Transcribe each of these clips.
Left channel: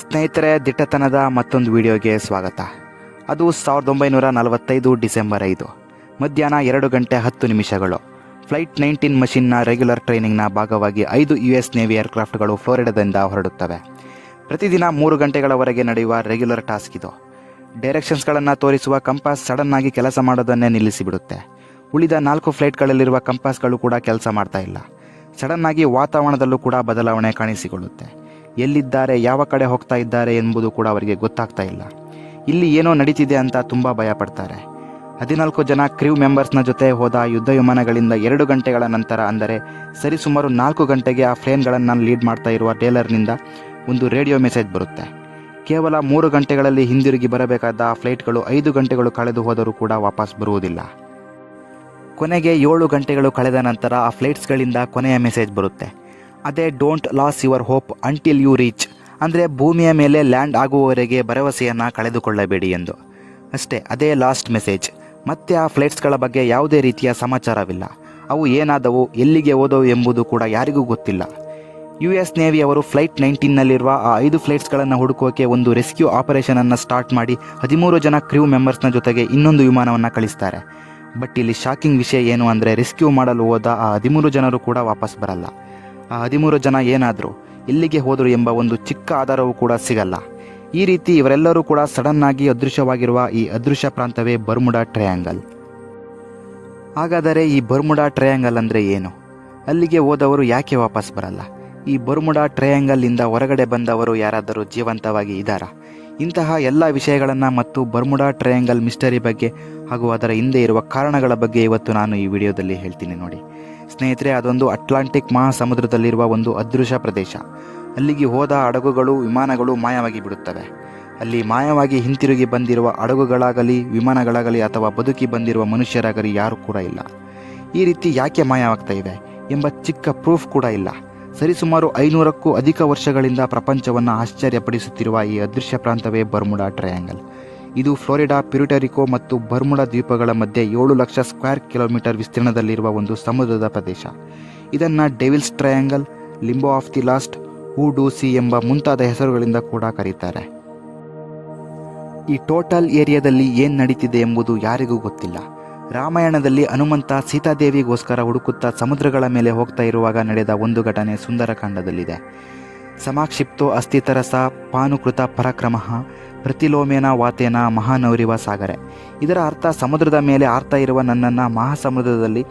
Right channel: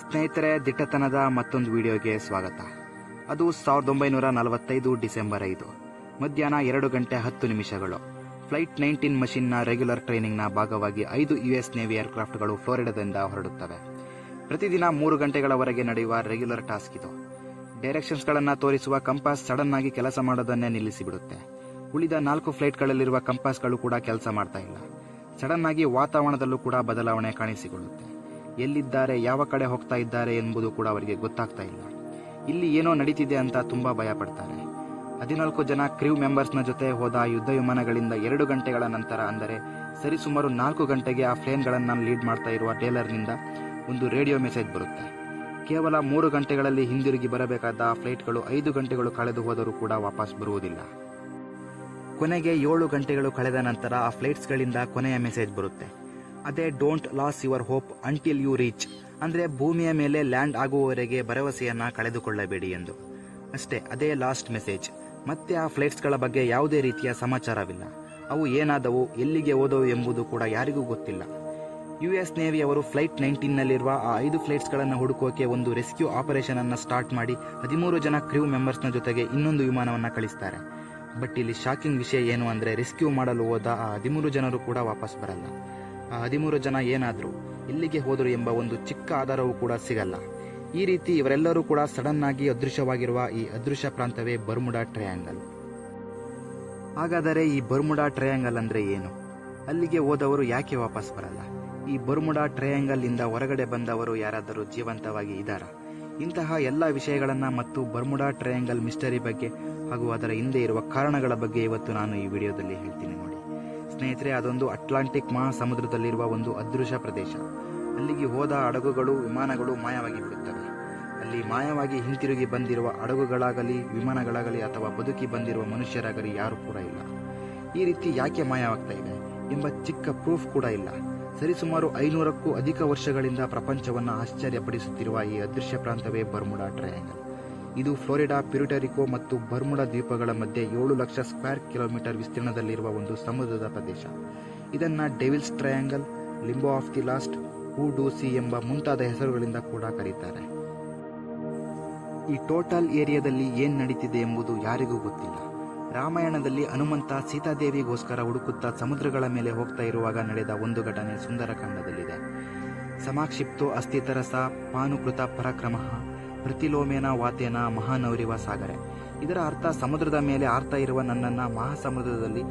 ಸ್ನೇಹಿತರೆ, ದಿಟ್ಟತನದ ಮತ್ತೊಂದು ವಿಡಿಯೋಗೆ ಸ್ವಾಗತ. ಅದು 1945 ಡಿಸೆಂಬರ್ 5 ಮಧ್ಯಾಹ್ನ 2:10 ಫ್ಲೈಟ್ 19 ಮಷಿನ್ನ ರೆಗ್ಯುಲರ್ ಟ್ರೈನಿಂಗ್ನ ಭಾಗವಾಗಿ 5 US ನೇವಿ ಏರ್ಕ್ರಾಫ್ಟ್ಗಳು ಫ್ಲೋರಿಡಾದಿಂದ ಹೊರಡುತ್ತವೆ. ಪ್ರತಿದಿನ 3 ಗಂಟೆಗಳವರೆಗೆ ನಡೆಯುವ ರೆಗ್ಯುಲರ್ ಟಾಸ್ಕ್ ಇದು. ಡೈರೆಕ್ಷನ್ಸ್ಗಳನ್ನು ತೋರಿಸುವ ಕಂಪಾಸ್ ಸಡನ್ ಆಗಿ ಕೆಲಸ ಮಾಡೋದನ್ನೇ ನಿಲ್ಲಿಸಿಬಿಡುತ್ತೆ. ಉಳಿದ 4 ಫ್ಲೈಟ್ಗಳಲ್ಲಿರುವ ಕಂಪಾಸ್ಗಳು ಕೂಡ ಕೆಲಸ ಮಾಡ್ತಾ ಇಲ್ಲ. ಸಡನ್ ಆಗಿ ವಾತಾವರಣದಲ್ಲೂ ಕೂಡ ಬದಲಾವಣೆ ಕಾಣಿಸಿಕೊಳ್ಳುತ್ತೆ. ಎಲ್ಲಿದ್ದಾರೆ, ಯಾವ ಕಡೆ ಹೋಗ್ತಾ ಇದ್ದಾರೆ ಎಂಬುದು ಕೂಡ ಅವರಿಗೆ ಗೊತ್ತಾಗ್ತಾ ಇಲ್ಲ. ಇಲ್ಲಿ ಏನೋ ನಡೀತಿದೆ ಅಂತ ತುಂಬ ಭಯ ಪಡ್ತಾರೆ. 14 ಜನ ಕ್ರೂ ಮೆಂಬರ್ಸ್ನ ಜೊತೆ ಹೋದ ಯುದ್ಧ ವಿಮಾನಗಳಿಂದ 2 ಗಂಟೆಗಳ ನಂತರ, ಅಂದರೆ ಸರಿಸುಮಾರು 4 ಗಂಟೆಗೆ ಆ ಪ್ಲೇನ್ಗಳನ್ನು ಲೀಡ್ ಮಾಡ್ತಾ ಇರುವ ಟೇಲರ್ನಿಂದ ಒಂದು ರೇಡಿಯೋ ಮೆಸೇಜ್ ಬರುತ್ತೆ. ಕೇವಲ 3 ಗಂಟೆಗಳಲ್ಲಿ ಹಿಂದಿರುಗಿ ಬರಬೇಕಾದ ಆ ಫ್ಲೈಟ್ಗಳು 5 ಗಂಟೆಗಳು ಕಳೆದು ಹೋದರೂ ಕೂಡ ವಾಪಸ್ ಬರುವುದಿಲ್ಲ. ಕೊನೆಗೆ 7 ಗಂಟೆಗಳು ಕಳೆದ ನಂತರ ಆ ಫ್ಲೈಟ್ಸ್ಗಳಿಂದ ಕೊನೆಯ ಮೆಸೇಜ್ ಬರುತ್ತೆ. ಅದೇ don't lose your hope until you reach, ಅಂದರೆ ಭೂಮಿಯ ಮೇಲೆ ಲ್ಯಾಂಡ್ ಆಗುವವರೆಗೆ ಭರವಸೆಯನ್ನು ಕಳೆದುಕೊಳ್ಳಬೇಡಿ ಎಂದು. ಅಷ್ಟೇ, ಅದೇ ಲಾಸ್ಟ್ ಮೆಸೇಜ್. ಮತ್ತೆ ಆ ಫ್ಲೈಟ್ಸ್ಗಳ ಬಗ್ಗೆ ಯಾವುದೇ ರೀತಿಯ ಸಮಾಚಾರವಿಲ್ಲ. ಅವು ಏನಾದವು, ಎಲ್ಲಿಗೆ ಹೋದವು ಎಂಬುದು ಕೂಡ ಯಾರಿಗೂ ಗೊತ್ತಿಲ್ಲ. US ನೇವಿ ಅವರು ಫ್ಲೈಟ್ 19ನಲ್ಲಿರುವ ಆ 5 ಫ್ಲೈಟ್ಸ್ಗಳನ್ನು ಹುಡುಕೋಕೆ ಒಂದು ರೆಸ್ಕ್ಯೂ ಆಪರೇಷನನ್ನು ಸ್ಟಾರ್ಟ್ ಮಾಡಿ 13 ಜನ ಕ್ರೂ ಮೆಂಬರ್ಸ್ನ ಜೊತೆಗೆ ಇನ್ನೊಂದು ವಿಮಾನವನ್ನು ಕಳಿಸ್ತಾರೆ. ಬಟ್ ಇಲ್ಲಿ ಶಾಕಿಂಗ್ ವಿಷಯ ಏನು ಅಂದರೆ, ರೆಸ್ಕ್ಯೂ ಮಾಡಲು ಹೋದ ಆ 13 ಜನರು ಕೂಡ ವಾಪಸ್ ಬರಲ್ಲ. ಆ 13 ಜನ ಏನಾದರೂ, ಎಲ್ಲಿಗೆ ಹೋದರು ಎಂಬ ಒಂದು ಚಿಕ್ಕ ಆಧಾರವೂ ಕೂಡ ಸಿಗಲ್ಲ. ಈ ರೀತಿ ಇವರೆಲ್ಲರೂ ಕೂಡ ಸಡನ್ ಆಗಿ ಅದೃಶ್ಯವಾಗಿರುವ ಈ ಅದೃಶ್ಯ ಪ್ರಾಂತವೇ ಬರ್ಮುಡಾ ಟ್ರಯಾಂಗಲ್. ಹಾಗಾದರೆ ಈ ಬರ್ಮುಡಾ ಟ್ರಯಾಂಗಲ್ ಅಂದರೆ ಏನು? ಅಲ್ಲಿಗೆ ಹೋದವರು ಯಾಕೆ ವಾಪಸ್ ಬರಲ್ಲ? ಈ ಬರ್ಮುಡಾ ಟ್ರಯಾಂಗಲ್ನಿಂದ ಹೊರಗಡೆ ಬಂದವರು ಯಾರಾದರೂ ಜೀವಂತವಾಗಿ ಇದ್ದಾರಾ? ಇಂತಹ ಎಲ್ಲ ವಿಷಯಗಳನ್ನು ಮತ್ತು ಬರ್ಮುಡಾ ಟ್ರಯಾಂಗಲ್ ಮಿಸ್ಟರಿ ಬಗ್ಗೆ ಹಾಗೂ ಅದರ ಹಿಂದೆ ಇರುವ ಕಾರಣಗಳ ಬಗ್ಗೆ ಇವತ್ತು ನಾನು ಈ ವಿಡಿಯೋದಲ್ಲಿ ಹೇಳ್ತೀನಿ ನೋಡಿ. ಸ್ನೇಹಿತರೆ, ಅದೊಂದು ಅಟ್ಲಾಂಟಿಕ್ ಮಹಾಸಮುದ್ರದಲ್ಲಿರುವ ಒಂದು ಅದೃಶ್ಯ ಪ್ರದೇಶ. ಅಲ್ಲಿಗೆ ಹೋದ ಹಡಗುಗಳು, ವಿಮಾನಗಳು ಮಾಯವಾಗಿ ಬಿಡುತ್ತವೆ. ಅಲ್ಲಿ ಮಾಯವಾಗಿ ಹಿಂತಿರುಗಿ ಬಂದಿರುವ ಹಡಗುಗಳಾಗಲಿ, ವಿಮಾನಗಳಾಗಲಿ ಅಥವಾ ಬದುಕಿ ಬಂದಿರುವ ಮನುಷ್ಯರಾಗಲಿ ಯಾರೂ ಕೂಡ ಇಲ್ಲ. ಈ ರೀತಿ ಯಾಕೆ ಮಾಯವಾಗ್ತಾ ಇವೆ ಎಂಬ ಚಿಕ್ಕ ಪ್ರೂಫ್ ಕೂಡ ಇಲ್ಲ. ಸರಿಸುಮಾರು 500ಕ್ಕೂ ಅಧಿಕ ವರ್ಷಗಳಿಂದ ಪ್ರಪಂಚವನ್ನು ಆಶ್ಚರ್ಯಪಡಿಸುತ್ತಿರುವ ಈ ಅದೃಶ್ಯ ಪ್ರಾಂತವೇ ಬರ್ಮುಡಾ ಟ್ರಯಾಂಗಲ್. ಇದು ಫ್ಲೋರಿಡಾ, ಪ್ಯೂರ್ಟೋರಿಕೋ ಮತ್ತು ಬರ್ಮುಡಾ ದ್ವೀಪಗಳ ಮಧ್ಯೆ 7 ಲಕ್ಷ ಸ್ಕ್ವೇರ್ ಕಿಲೋಮೀಟರ್ ವಿಸ್ತೀರ್ಣದಲ್ಲಿರುವ ಒಂದು ಸಮುದ್ರದ ಪ್ರದೇಶ. ಇದನ್ನು devil's triangle, limbo of the lost, hoodoo sea ಎಂಬ ಮುಂತಾದ ಹೆಸರುಗಳಿಂದ ಕೂಡ ಕರೀತಾರೆ. ಈ ಟೋಟಲ್ ಏರಿಯಾದಲ್ಲಿ ಏನು ನಡೀತಿದೆ ಎಂಬುದು ಯಾರಿಗೂ ಗೊತ್ತಿಲ್ಲ. ರಾಮಾಯಣದಲ್ಲಿ ಹನುಮಂತ ಸೀತಾದೇವಿಗೋಸ್ಕರ ಹುಡುಕುತ್ತಾ ಸಮುದ್ರಗಳ ಮೇಲೆ ಹೋಗ್ತಾ ಇರುವಾಗ ನಡೆದ ಒಂದು ಘಟನೆ ಸುಂದರಕಾಂಡದಲ್ಲಿದೆ. ಸಮಾಕ್ಷಿಪ್ತೋ ಅಸ್ಥಿತರಸ ಪಾನುಕೃತ ಪರಾಕ್ರಮಃ ಪ್ರತಿಲೋಮೇನ ವಾತೇನ ಮಹಾನೌರಿವ ಸಾಗರೆ. ಇದರ ಅರ್ಥ, ಸಮುದ್ರದ ಮೇಲೆ ಆರ್ತಾ ಇರುವ ನನ್ನನ್ನು ಮಹಾಸಮುದ್ರದಲ್ಲಿ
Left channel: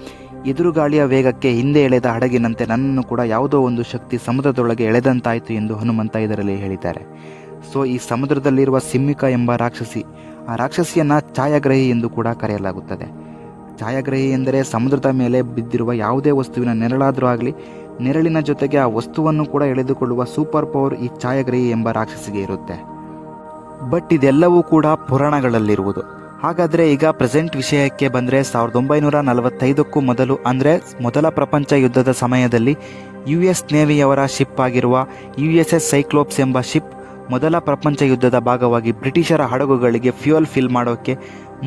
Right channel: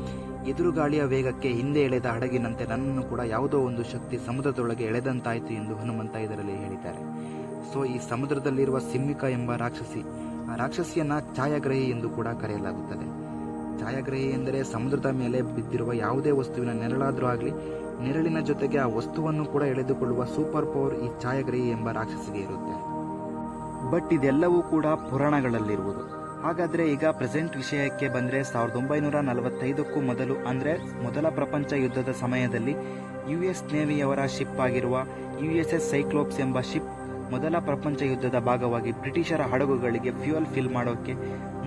ಎದುರುಗಾಳಿಯ ವೇಗಕ್ಕೆ ಹಿಂದೆ ಎಳೆದ ಹಡಗಿನಂತೆ ನನ್ನನ್ನು ಕೂಡ ಯಾವುದೋ ಒಂದು ಶಕ್ತಿ ಸಮುದ್ರದೊಳಗೆ ಎಳೆದಂತಾಯಿತು ಎಂದು ಹನುಮಂತ ಇದರಲ್ಲಿ ಹೇಳಿದ್ದಾರೆ. ಸೊ ಈ ಸಮುದ್ರದಲ್ಲಿರುವ ಸಿಮ್ಮಿಕ ಎಂಬ ರಾಕ್ಷಸಿ, ಆ ರಾಕ್ಷಸಿಯನ್ನು ಛಾಯಾಗ್ರಹಿ ಎಂದು ಕೂಡ ಕರೆಯಲಾಗುತ್ತದೆ. ಛಾಯಾಗ್ರಹಿ ಎಂದರೆ ಸಮುದ್ರದ ಮೇಲೆ ಬಿದ್ದಿರುವ ಯಾವುದೇ ವಸ್ತುವಿನ ನೆರಳಾದರೂ ಆಗಲಿ, ನೆರಳಿನ ಜೊತೆಗೆ ಆ ವಸ್ತುವನ್ನು ಕೂಡ ಎಳೆದುಕೊಳ್ಳುವ ಸೂಪರ್ ಪವರ್ ಈ ಛಾಯಾಗ್ರಹಿ ಎಂಬ ರಾಕ್ಷಸಿಗೆ ಇರುತ್ತೆ. ಬಟ್ ಇದೆಲ್ಲವೂ ಕೂಡ ಪುರಾಣಗಳಲ್ಲಿರುವುದು. ಹಾಗಾದರೆ ಈಗ ಪ್ರೆಸೆಂಟ್ ವಿಷಯಕ್ಕೆ ಬಂದರೆ, 1945ಕ್ಕೂ ಮೊದಲು, ಅಂದರೆ ಮೊದಲ ಪ್ರಪಂಚ ಯುದ್ಧದ ಸಮಯದಲ್ಲಿ US ನೇವಿಯವರ ಶಿಪ್ ಆಗಿರುವ USS ಸೈಕ್ಲೋಪ್ಸ್ ಎಂಬ ಶಿಪ್ ಮೊದಲ ಪ್ರಪಂಚ ಯುದ್ಧದ ಭಾಗವಾಗಿ ಬ್ರಿಟಿಷರ ಹಡಗುಗಳಿಗೆ ಫ್ಯೂಯಲ್ ಫಿಲ್ ಮಾಡೋಕ್ಕೆ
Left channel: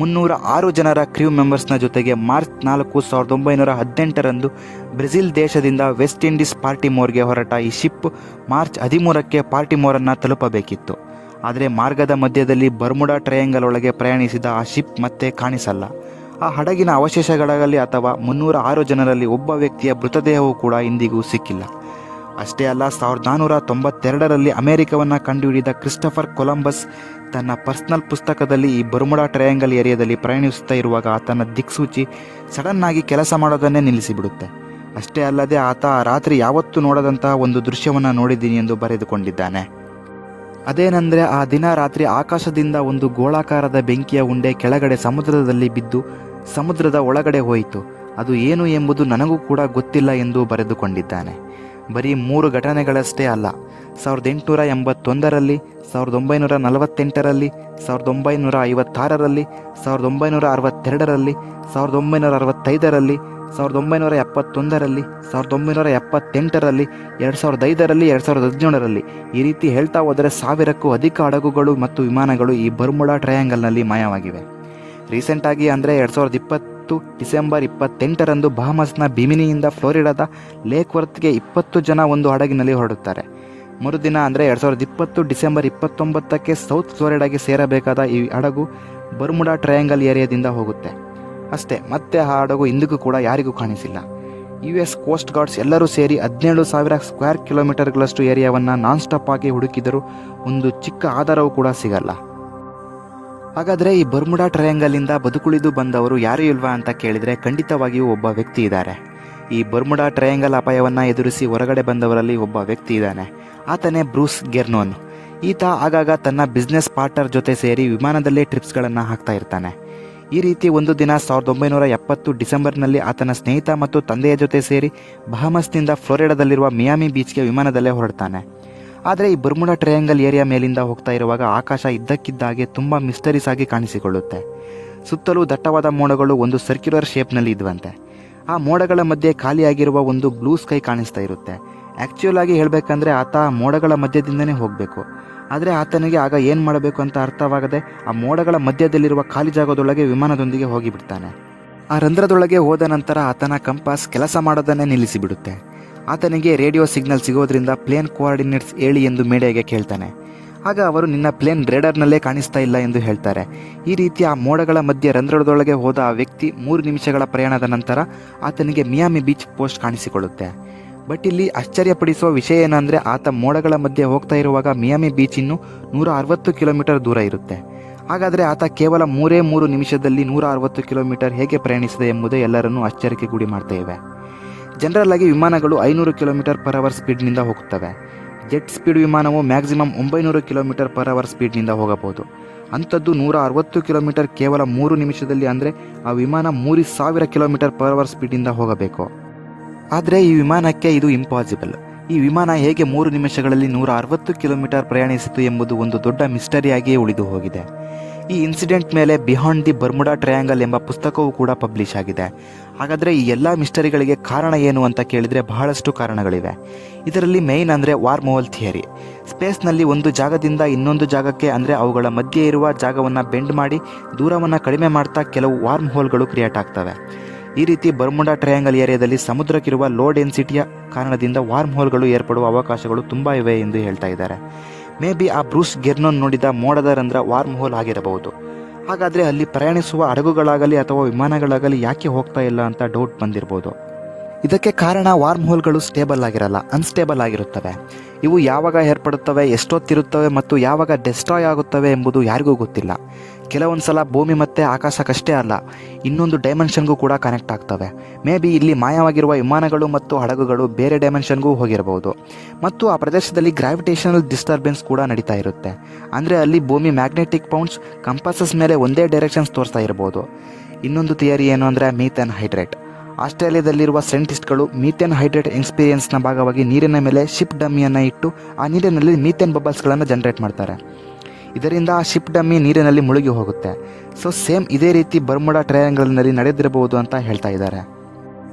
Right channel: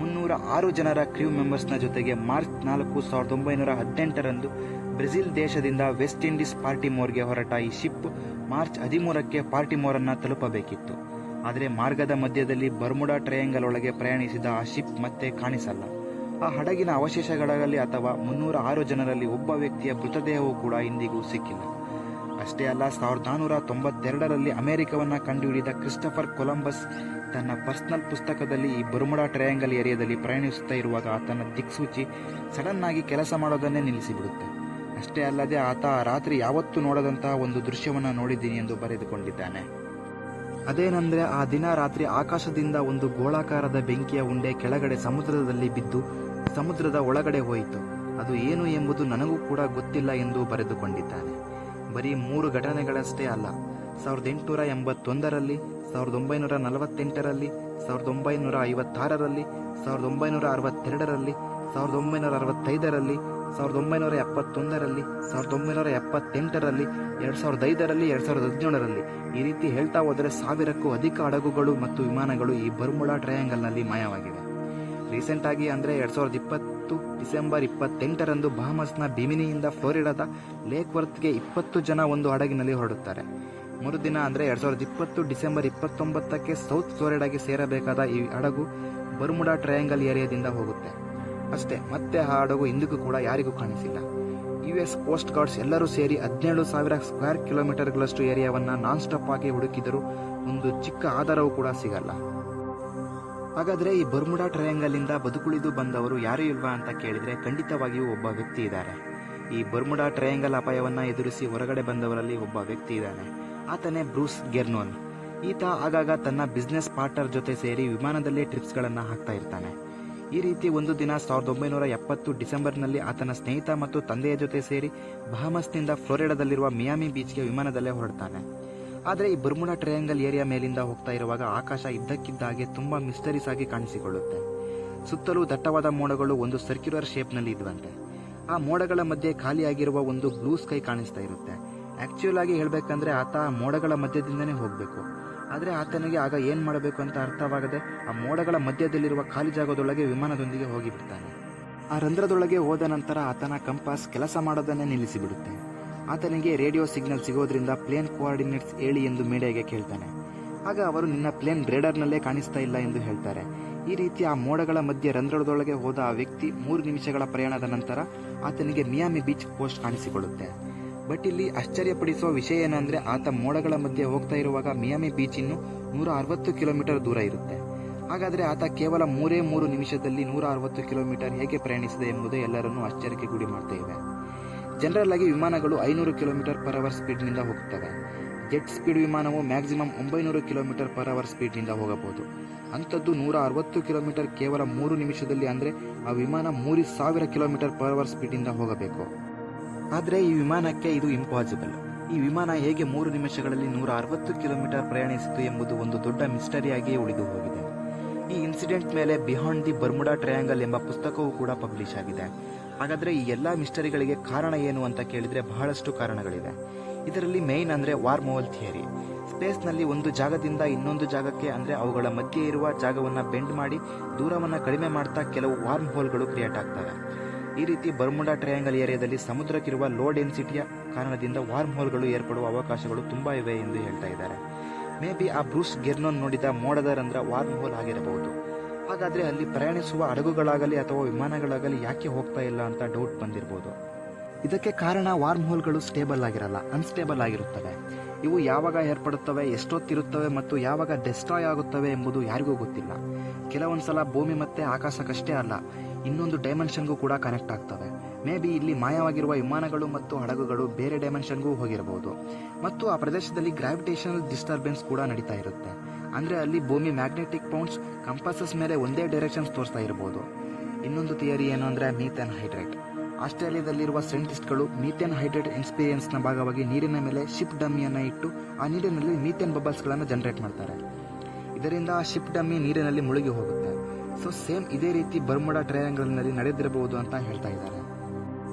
306 ಜನರ ಕ್ರೂ ಮೆಂಬರ್ಸ್ನ ಜೊತೆಗೆ ಮಾರ್ಚ್ 4, 1918ರಂದು ಬ್ರೆಜಿಲ್ ದೇಶದಿಂದ ವೆಸ್ಟ್ ಇಂಡೀಸ್ ಪಾರ್ಟಿಮೋರ್ಗೆ ಹೊರಟ ಈ ಶಿಪ್ ಮಾರ್ಚ್ 13ಕ್ಕೆ ಪಾರ್ಟಿಮೋರನ್ನು ತಲುಪಬೇಕಿತ್ತು. ಆದರೆ ಮಾರ್ಗದ ಮಧ್ಯದಲ್ಲಿ ಬರ್ಮುಡಾ ಟ್ರಯಾಂಗಲ್ ಒಳಗೆ ಪ್ರಯಾಣಿಸಿದ ಆ ಶಿಪ್ ಮತ್ತೆ ಕಾಣಿಸಲ್ಲ. ಆ ಹಡಗಿನ ಅವಶೇಷಗಳಾಗಲಿ ಅಥವಾ 306 ಜನರಲ್ಲಿ ಒಬ್ಬ ವ್ಯಕ್ತಿಯ ಮೃತದೇಹವೂ ಕೂಡ ಇಂದಿಗೂ ಸಿಕ್ಕಿಲ್ಲ. ಅಷ್ಟೇ ಅಲ್ಲ, 1492ರಲ್ಲಿ ಅಮೆರಿಕವನ್ನು ಕಂಡುಹಿಡಿದ ಕ್ರಿಸ್ಟಫರ್ ಕೊಲಂಬಸ್ ತನ್ನ ಪರ್ಸನಲ್ ಪುಸ್ತಕದಲ್ಲಿ ಈ ಬರ್ಮುಡಾ ಟ್ರಯಾಂಗಲ್ ಏರಿಯಾದಲ್ಲಿ ಪ್ರಯಾಣಿಸುತ್ತಾ ಇರುವಾಗ ಆತನ ದಿಕ್ಸೂಚಿ ಸಡನ್ ಆಗಿ ಕೆಲಸ ಮಾಡೋದನ್ನೇ ನಿಲ್ಲಿಸಿಬಿಡುತ್ತೆ. ಅಷ್ಟೇ ಅಲ್ಲದೆ ಆತ ರಾತ್ರಿ ಯಾವತ್ತೂ ನೋಡದಂತಹ ಒಂದು ದೃಶ್ಯವನ್ನು ನೋಡಿದ್ದೀನಿ ಎಂದು ಬರೆದುಕೊಂಡಿದ್ದಾನೆ. ಅದೇನೆಂದರೆ, ಆ ದಿನ ರಾತ್ರಿ ಆಕಾಶದಿಂದ ಒಂದು ಗೋಳಾಕಾರದ ಬೆಂಕಿಯ ಉಂಡೆ ಕೆಳಗಡೆ ಸಮುದ್ರದಲ್ಲಿ ಬಿದ್ದು ಸಮುದ್ರದ ಒಳಗಡೆ ಹೋಯಿತು. ಅದು ಏನು ಎಂಬುದು ನನಗೂ ಕೂಡ ಗೊತ್ತಿಲ್ಲ ಎಂದು ಬರೆದುಕೊಂಡಿದ್ದಾನೆ. ಬರೀ 3 ಘಟನೆಗಳಷ್ಟೇ ಅಲ್ಲ, 1881ರಲ್ಲಿ, 1948ರಲ್ಲಿ, 1956ರಲ್ಲಿ, 1962ರಲ್ಲಿ, 1965ರಲ್ಲಿ, 1971ರಲ್ಲಿ, 1978ರಲ್ಲಿ, 2005ರಲ್ಲಿ, 2017ರಲ್ಲಿ ಈ ರೀತಿ ಹೇಳ್ತಾ ಹೋದರೆ 1000ಕ್ಕೂ ಅಧಿಕ ಹಡಗುಗಳು ಮತ್ತು ವಿಮಾನಗಳು ಈ ಬರ್ಮುಡಾ ಟ್ರಯಾಂಗಲ್ನಲ್ಲಿ ಮಾಯವಾಗಿವೆ. ರೀಸೆಂಟಾಗಿ ಅಂದರೆ 2020 ಡಿಸೆಂಬರ್ 28ರಂದು ಬಹಮಸ್ನ ಬಿಮಿನಿಯಿಂದ ಫ್ಲೋರಿಡಾದ ಲೇಕ್ ವರ್ತ್ಗೆ 20 ಜನ ಒಂದು ಹಡಗಿನಲ್ಲಿ ಹೊರಡುತ್ತಾರೆ. ಮರುದಿನ ಅಂದರೆ 2020 ಡಿಸೆಂಬರ್ 29ಕ್ಕೆ ಸೌತ್ ಫ್ಲೋರಿಡಾಗೆ ಸೇರಬೇಕಾದ ಈ ಹಡಗು ಬರ್ಮುಡಾ ಟ್ರಯಾಂಗಲ್ ಏರಿಯಾದಿಂದ ಹೋಗುತ್ತೆ. ಅಷ್ಟೇ, ಮತ್ತೆ ಆ ಹಡಗು ಇಂದಿಗೂ ಕೂಡ ಯಾರಿಗೂ ಕಾಣಿಸಿಲ್ಲ. US ಕೋಸ್ಟ್ ಗಾರ್ಡ್ಸ್ ಎಲ್ಲರೂ ಸೇರಿ 17,000 ಸ್ಕ್ವೇರ್ ಕಿಲೋಮೀಟರ್ಗಳಷ್ಟು ಏರಿಯಾವನ್ನು ನಾನ್ ಸ್ಟಾಪ್ ಆಗಿ ಹುಡುಕಿದರೂ ಒಂದು ಚಿಕ್ಕ ಆಧಾರವೂ ಕೂಡ ಸಿಗಲ್ಲ. ಹಾಗಾದರೆ ಈ ಬರ್ಮುಡಾ ಟ್ರಯಾಂಗಲಿಂದ ಬದುಕುಳಿದು ಬಂದವರು ಯಾರೂ ಇಲ್ವಾ ಅಂತ ಕೇಳಿದರೆ ಖಂಡಿತವಾಗಿಯೂ ಒಬ್ಬ ವ್ಯಕ್ತಿ ಇದ್ದಾರೆ. ಈ ಬರ್ಮುಡಾ ಟ್ರಯಾಂಗಲ್ ಅಪಾಯವನ್ನು ಎದುರಿಸಿ ಹೊರಗಡೆ ಬಂದವರಲ್ಲಿ ಒಬ್ಬ ವ್ಯಕ್ತಿ ಇದ್ದಾನೆ. ಆತನೇ ಬ್ರೂಸ್ ಗೆರ್ನೋನ್. ಈತ ಆಗಾಗ ತನ್ನ ಬಿಸ್ನೆಸ್ ಪಾರ್ಟ್ನರ್ ಜೊತೆ ಸೇರಿ ವಿಮಾನದಲ್ಲೇ ಟ್ರಿಪ್ಸ್ಗಳನ್ನು ಹಾಕ್ತಾ ಇರ್ತಾನೆ. ಈ ರೀತಿ ಒಂದು ದಿನ 1970 ಡಿಸೆಂಬರ್ನಲ್ಲಿ ಆತನ ಸ್ನೇಹಿತ ಮತ್ತು ತಂದೆಯ ಜೊತೆ ಸೇರಿ ಬಹಮಸ್ನಿಂದ ಫ್ಲೋರಿಡಾದಲ್ಲಿರುವ ಮಿಯಾಮಿ ಬೀಚ್ಗೆ ವಿಮಾನದಲ್ಲೇ ಹೊರಡ್ತಾನೆ. ಆದರೆ ಈ ಬರ್ಮುಡಾ ಟ್ರಯಾಂಗಲ್ ಏರಿಯಾ ಮೇಲಿಂದ ಹೋಗ್ತಾ ಇರುವಾಗ ಆಕಾಶ ಇದ್ದಕ್ಕಿದ್ದಾಗೆ ತುಂಬ ಮಿಸ್ಟರೀಸ್ ಆಗಿ ಕಾಣಿಸಿಕೊಳ್ಳುತ್ತೆ. ಸುತ್ತಲೂ ದಟ್ಟವಾದ ಮೋಡಗಳು ಒಂದು ಸರ್ಕ್ಯುಲರ್ ಶೇಪ್ನಲ್ಲಿ ಇದ್ವಂತೆ. ಆ ಮೋಡಗಳ ಮಧ್ಯೆ ಖಾಲಿಯಾಗಿರುವ ಒಂದು ಬ್ಲೂ ಸ್ಕೈ ಕಾಣಿಸ್ತಾ ಇರುತ್ತೆ. ಆ್ಯಕ್ಚುಯಲ್ ಆಗಿ ಹೇಳಬೇಕಂದ್ರೆ ಆತ ಮೋಡಗಳ ಮಧ್ಯದಿಂದನೇ ಹೋಗಬೇಕು. ಆದರೆ ಆತನಿಗೆ ಆಗ ಏನು ಮಾಡಬೇಕು ಅಂತ ಅರ್ಥವಾಗದೆ ಆ ಮೋಡಗಳ ಮಧ್ಯದಲ್ಲಿರುವ ಖಾಲಿ ಜಾಗದೊಳಗೆ ವಿಮಾನದೊಂದಿಗೆ ಹೋಗಿಬಿಡ್ತಾನೆ. ಆ ರಂಧ್ರದೊಳಗೆ ಹೋದ ನಂತರ ಆತನ ಕಂಪಾಸ್ ಕೆಲಸ ಮಾಡೋದನ್ನೇ ನಿಲ್ಲಿಸಿಬಿಡುತ್ತೆ. ಆತನಿಗೆ ರೇಡಿಯೋ ಸಿಗ್ನಲ್ ಸಿಗೋದ್ರಿಂದ ಪ್ಲೇನ್ ಕೋಆರ್ಡಿನೇಟ್ಸ್ ಹೇಳಿ ಎಂದು ಮೀಡಿಯಾಗೆ ಕೇಳ್ತಾನೆ. ಆಗ ಅವರು ನಿನ್ನ ಪ್ಲೇನ್ ರೇಡರ್ನಲ್ಲೇ ಕಾಣಿಸ್ತಾ ಇಲ್ಲ ಎಂದು ಹೇಳ್ತಾರೆ. ಈ ರೀತಿ ಆ ಮೋಡಗಳ ಮಧ್ಯೆ ರಂಧ್ರದೊಳಗೆ ಹೋದ ಆ ವ್ಯಕ್ತಿ 3 ನಿಮಿಷಗಳ ಪ್ರಯಾಣದ ನಂತರ ಆತನಿಗೆ ಮಿಯಾಮಿ ಬೀಚ್ ಪೋಸ್ಟ್ ಕಾಣಿಸಿಕೊಳ್ಳುತ್ತೆ. ಬಟ್ ಇಲ್ಲಿ ಆಶ್ಚರ್ಯಪಡಿಸುವ ವಿಷಯ ಏನಂದರೆ ಆತ ಮೋಡಗಳ ಮಧ್ಯೆ ಹೋಗ್ತಾ ಇರುವಾಗ ಮಿಯಾಮಿ ಬೀಚ್ ಇನ್ನು 160 ಕಿಲೋಮೀಟರ್ ದೂರ ಇರುತ್ತೆ. ಹಾಗಾದರೆ ಆತ ಕೇವಲ 3 ನಿಮಿಷದಲ್ಲಿ 160 ಕಿಲೋಮೀಟರ್ ಹೇಗೆ ಪ್ರಯಾಣಿಸಿದೆ ಎಂಬುದೇ ಎಲ್ಲರನ್ನೂ ಆಶ್ಚರ್ಯಕ್ಕೆ ಗುರಿ ಮಾಡ್ತಾ ಇವೆ. ಜನರಲ್ ಆಗಿ ವಿಮಾನಗಳು 500 km/h ಸ್ಪೀಡ್ನಿಂದ ಹೋಗುತ್ತವೆ. ಜೆಟ್ ಸ್ಪೀಡ್ ವಿಮಾನವು ಮ್ಯಾಕ್ಸಿಮಮ್ 900 km/h ಸ್ಪೀಡ್ನಿಂದ ಹೋಗಬಹುದು. ಅಂಥದ್ದು 160 ಕಿಲೋಮೀಟರ್ ಕೇವಲ 3 ನಿಮಿಷದಲ್ಲಿ, ಅಂದರೆ ಆ ವಿಮಾನ 3000 km/h ಸ್ಪೀಡ್ನಿಂದ ಹೋಗಬೇಕು. ಆದರೆ ಈ ವಿಮಾನಕ್ಕೆ ಇದು ಇಂಪಾಸಿಬಲ್. ಈ ವಿಮಾನ ಹೇಗೆ 3 ನಿಮಿಷಗಳಲ್ಲಿ 160 ಕಿಲೋಮೀಟರ್ ಪ್ರಯಾಣಿಸಿತು ಎಂಬುದು ಒಂದು ದೊಡ್ಡ ಮಿಸ್ಟರಿಯಾಗಿಯೇ ಉಳಿದು ಹೋಗಿದೆ. ಈ ಇನ್ಸಿಡೆಂಟ್ ಮೇಲೆ ಬಿಹಾಂಡ್ ದಿ ಬರ್ಮುಡಾ ಟ್ರಯಾಂಗಲ್ ಎಂಬ ಪುಸ್ತಕವೂ ಕೂಡ ಪಬ್ಲಿಷ್ ಆಗಿದೆ. ಹಾಗಾದರೆ ಈ ಎಲ್ಲ ಮಿಸ್ಟರಿಗಳಿಗೆ ಕಾರಣ ಏನು ಅಂತ ಕೇಳಿದರೆ ಬಹಳಷ್ಟು ಕಾರಣಗಳಿವೆ. ಇದರಲ್ಲಿ ಮೇಯ್ನ್ ಅಂದರೆ ವಾರ್ಮ್ ಹೋಲ್ ಥಿಯರಿ. ಸ್ಪೇಸ್ನಲ್ಲಿ ಒಂದು ಜಾಗದಿಂದ ಇನ್ನೊಂದು ಜಾಗಕ್ಕೆ, ಅಂದರೆ ಅವುಗಳ ಮಧ್ಯೆ ಇರುವ ಜಾಗವನ್ನು ಬೆಂಡ್ ಮಾಡಿ ದೂರವನ್ನು ಕಡಿಮೆ ಮಾಡ್ತಾ ಕೆಲವು ವಾರ್ಮ್ ಹೋಲ್ಗಳು ಕ್ರಿಯೇಟ್ ಆಗ್ತವೆ. ಈ ರೀತಿ ಬರ್ಮುಡಾ ಟ್ರಯಾಂಗಲ್ ಏರಿಯಾದಲ್ಲಿ ಸಮುದ್ರಕ್ಕಿರುವ ಲೋ ಡೆನ್ಸಿಟಿಯ ಕಾರಣದಿಂದ ವಾರ್ಮ್ ಹೋಲ್ಗಳು ಏರ್ಪಡುವ ಅವಕಾಶಗಳು ತುಂಬ ಇವೆ ಎಂದು ಹೇಳ್ತಾ ಇದ್ದಾರೆ. ಮೇ ಬಿ ಆ ಬ್ರೂಸ್ ಗೆರ್ನೋನ್ ನೋಡಿದ ಮೋಡದ ರಂಧ್ರ ವಾರ್ಮ್ ಹೋಲ್ ಆಗಿರಬಹುದು. ಹಾಗಾದರೆ ಅಲ್ಲಿ ಪ್ರಯಾಣಿಸುವ ಹಡಗುಗಳಾಗಲಿ ಅಥವಾ ವಿಮಾನಗಳಾಗಲಿ ಯಾಕೆ ಹೋಗ್ತಾ ಇಲ್ಲ ಅಂತ ಡೌಟ್ ಬಂದಿರ್ಬೋದು. ಇದಕ್ಕೆ ಕಾರಣ ವಾರ್ಮ್ ಹೋಲ್ಗಳು ಸ್ಟೇಬಲ್ ಆಗಿರಲ್ಲ, ಅನ್ಸ್ಟೇಬಲ್ ಆಗಿರುತ್ತವೆ. ಇವು ಯಾವಾಗ ಏರ್ಪಡುತ್ತವೆ, ಎಷ್ಟೊತ್ತಿರುತ್ತವೆ ಮತ್ತು ಯಾವಾಗ ಡೆಸ್ಟ್ರಾಯ್ ಆಗುತ್ತವೆ ಎಂಬುದು ಯಾರಿಗೂ ಗೊತ್ತಿಲ್ಲ. ಕೆಲವೊಂದು ಸಲ ಭೂಮಿ ಮತ್ತು ಆಕಾಶಕ್ಕಷ್ಟೇ ಅಲ್ಲ, ಇನ್ನೊಂದು ಡೈಮೆನ್ಷನ್ಗೂ ಕೂಡ ಕನೆಕ್ಟ್ ಆಗ್ತವೆ. ಮೇ ಬಿ ಇಲ್ಲಿ ಮಾಯವಾಗಿರುವ ವಿಮಾನಗಳು ಮತ್ತು ಹಡಗುಗಳು ಬೇರೆ ಡೈಮೆನ್ಷನ್ಗೂ ಹೋಗಿರಬಹುದು. ಮತ್ತು ಆ ಪ್ರದೇಶದಲ್ಲಿ ಗ್ರಾವಿಟೇಷನಲ್ ಡಿಸ್ಟರ್ಬೆನ್ಸ್ ಕೂಡ ನಡೀತಾ ಇರುತ್ತೆ. ಅಂದರೆ ಅಲ್ಲಿ ಭೂಮಿ ಮ್ಯಾಗ್ನೆಟಿಕ್ ಪೌಂಡ್ಸ್ ಕಂಪಾಸಸ್ ಮೇಲೆ ಒಂದೇ ಡೈರೆಕ್ಷನ್ಸ್ ತೋರಿಸ್ತಾ ಇರಬಹುದು. ಇನ್ನೊಂದು ಥಿಯರಿ ಏನು ಅಂದರೆ ಮೀಥೇನ್ ಹೈಡ್ರೇಟ್. ಆಸ್ಟ್ರೇಲಿಯಾದಲ್ಲಿರುವ ಸೈಂಟಿಸ್ಟ್ಗಳು ಮೀಥೇನ್ ಹೈಡ್ರೇಟ್ ಎಕ್ಸ್ಪೀರಿಯನ್ಸ್ನ ಭಾಗವಾಗಿ ನೀರಿನ ಮೇಲೆ ಶಿಪ್ ಡಮ್ಮಿಯನ್ನು ಇಟ್ಟು ಆ ನೀರಿನಲ್ಲಿ ಮೀಥೇನ್ ಬಬಲ್ಸ್ಗಳನ್ನು ಜನರೇಟ್ ಮಾಡ್ತಾರೆ. ಇದರಿಂದ ಆ ಶಿಪ್ ಡಮ್ಮಿ ನೀರಿನಲ್ಲಿ ಮುಳುಗಿ ಹೋಗುತ್ತೆ. ಸೊ ಸೇಮ್ ಇದೇ ರೀತಿ ಬರ್ಮುಡಾ ಟ್ರಯಾಂಗಲ್ನಲ್ಲಿ ನಡೆದಿರಬಹುದು ಅಂತ ಹೇಳ್ತಾ ಇದ್ದಾರೆ.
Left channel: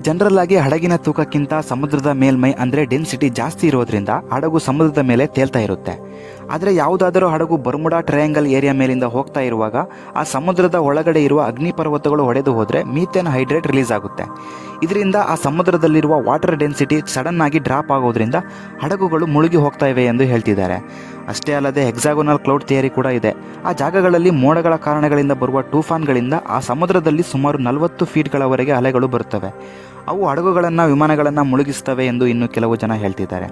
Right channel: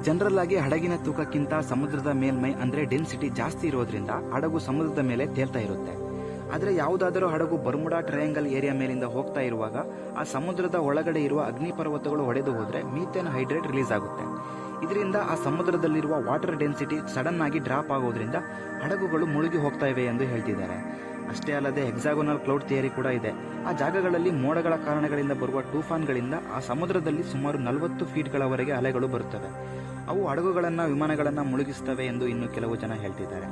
ಜನರಲ್ ಆಗಿ ಹಡಗಿನ ತೂಕಕ್ಕಿಂತ ಸಮುದ್ರದ ಮೇಲ್ಮೈ ಅಂದರೆ ಡೆನ್ಸಿಟಿ ಜಾಸ್ತಿ ಇರೋದ್ರಿಂದ ಹಡಗು ಸಮುದ್ರದ ಮೇಲೆ ತೇಲ್ತಾ ಇರುತ್ತೆ. ಆದರೆ ಯಾವುದಾದರೂ ಹಡಗು ಬರ್ಮುಡಾ ಟ್ರಯಾಂಗಲ್ ಏರಿಯಾ ಮೇಲಿಂದ ಹೋಗ್ತಾ ಇರುವಾಗ ಆ ಸಮುದ್ರದ ಒಳಗಡೆ ಇರುವ ಅಗ್ನಿಪರ್ವತಗಳು ಹೊಡೆದು ಹೋದರೆ ಮೀಥೇನ್ ಹೈಡ್ರೇಟ್ ರಿಲೀಸ್ ಆಗುತ್ತೆ. ಇದರಿಂದ ಆ ಸಮುದ್ರದಲ್ಲಿರುವ ವಾಟರ್ ಡೆನ್ಸಿಟಿ ಸಡನ್ ಆಗಿ ಡ್ರಾಪ್ ಆಗೋದ್ರಿಂದ ಹಡಗುಗಳು ಮುಳುಗಿ ಹೋಗ್ತಾ ಇವೆ ಎಂದು ಹೇಳ್ತಿದ್ದಾರೆ. ಅಷ್ಟೇ ಅಲ್ಲದೆ ಹೆಕ್ಸಾಗೋನಲ್ ಕ್ಲೌಡ್ ಥಿಯರಿ ಕೂಡ ಇದೆ. ಆ ಜಾಗಗಳಲ್ಲಿ ಮೋಡಗಳ ಕಾರಣಗಳಿಂದ ಬರುವ ಟೂಫಾನ್ಗಳಿಂದ ಆ ಸಮುದ್ರದಲ್ಲಿ ಸುಮಾರು 40 ಫೀಟ್ಗಳವರೆಗೆ ಅಲೆಗಳು ಬರುತ್ತವೆ. ಅವು ಹಡಗುಗಳನ್ನು, ವಿಮಾನಗಳನ್ನು ಮುಳುಗಿಸ್ತವೆ ಎಂದು ಇನ್ನು ಕೆಲವು ಜನ ಹೇಳ್ತಿದ್ದಾರೆ.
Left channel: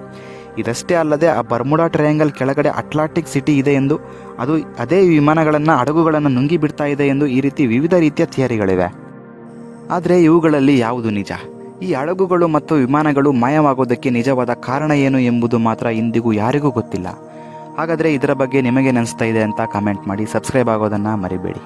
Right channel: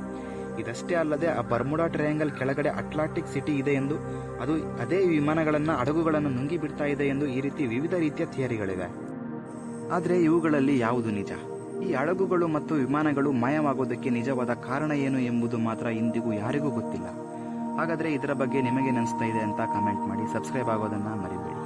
ಇದಷ್ಟೇ ಅಲ್ಲದೆ ಆ ಬರ್ಮುಡಾ ಟ್ರಯಾಂಗಲ್ ಕೆಳಗಡೆ ಅಟ್ಲಾಂಟಿಕ್ ಸಿಟಿ ಇದೆ ಎಂದು, ಅದೇ ವಿಮಾನಗಳನ್ನು, ಹಡಗುಗಳನ್ನು ನುಂಗಿ ಬಿಡ್ತಾ ಇದೆ ಎಂದು, ಈ ರೀತಿ ವಿವಿಧ ರೀತಿಯ ಥಿಯರಿಗಳಿವೆ. ಆದರೆ ಇವುಗಳಲ್ಲಿ ಯಾವುದು ನಿಜ? ಈ ಹಡಗುಗಳು ಮತ್ತು ವಿಮಾನಗಳು ಮಾಯವಾಗೋದಕ್ಕೆ ನಿಜವಾದ ಕಾರಣ ಏನು ಎಂಬುದು ಮಾತ್ರ ಇಂದಿಗೂ ಯಾರಿಗೂ ಗೊತ್ತಿಲ್ಲ. ಹಾಗಾದರೆ ಇದರ ಬಗ್ಗೆ ನಿಮಗೇನು ಅನಿಸ್ತಾ ಇದೆ ಅಂತ ಕಮೆಂಟ್ ಮಾಡಿ, ಸಬ್ಸ್ಕ್ರೈಬ್ ಆಗೋದನ್ನು ಮರಿಬೇಡಿ.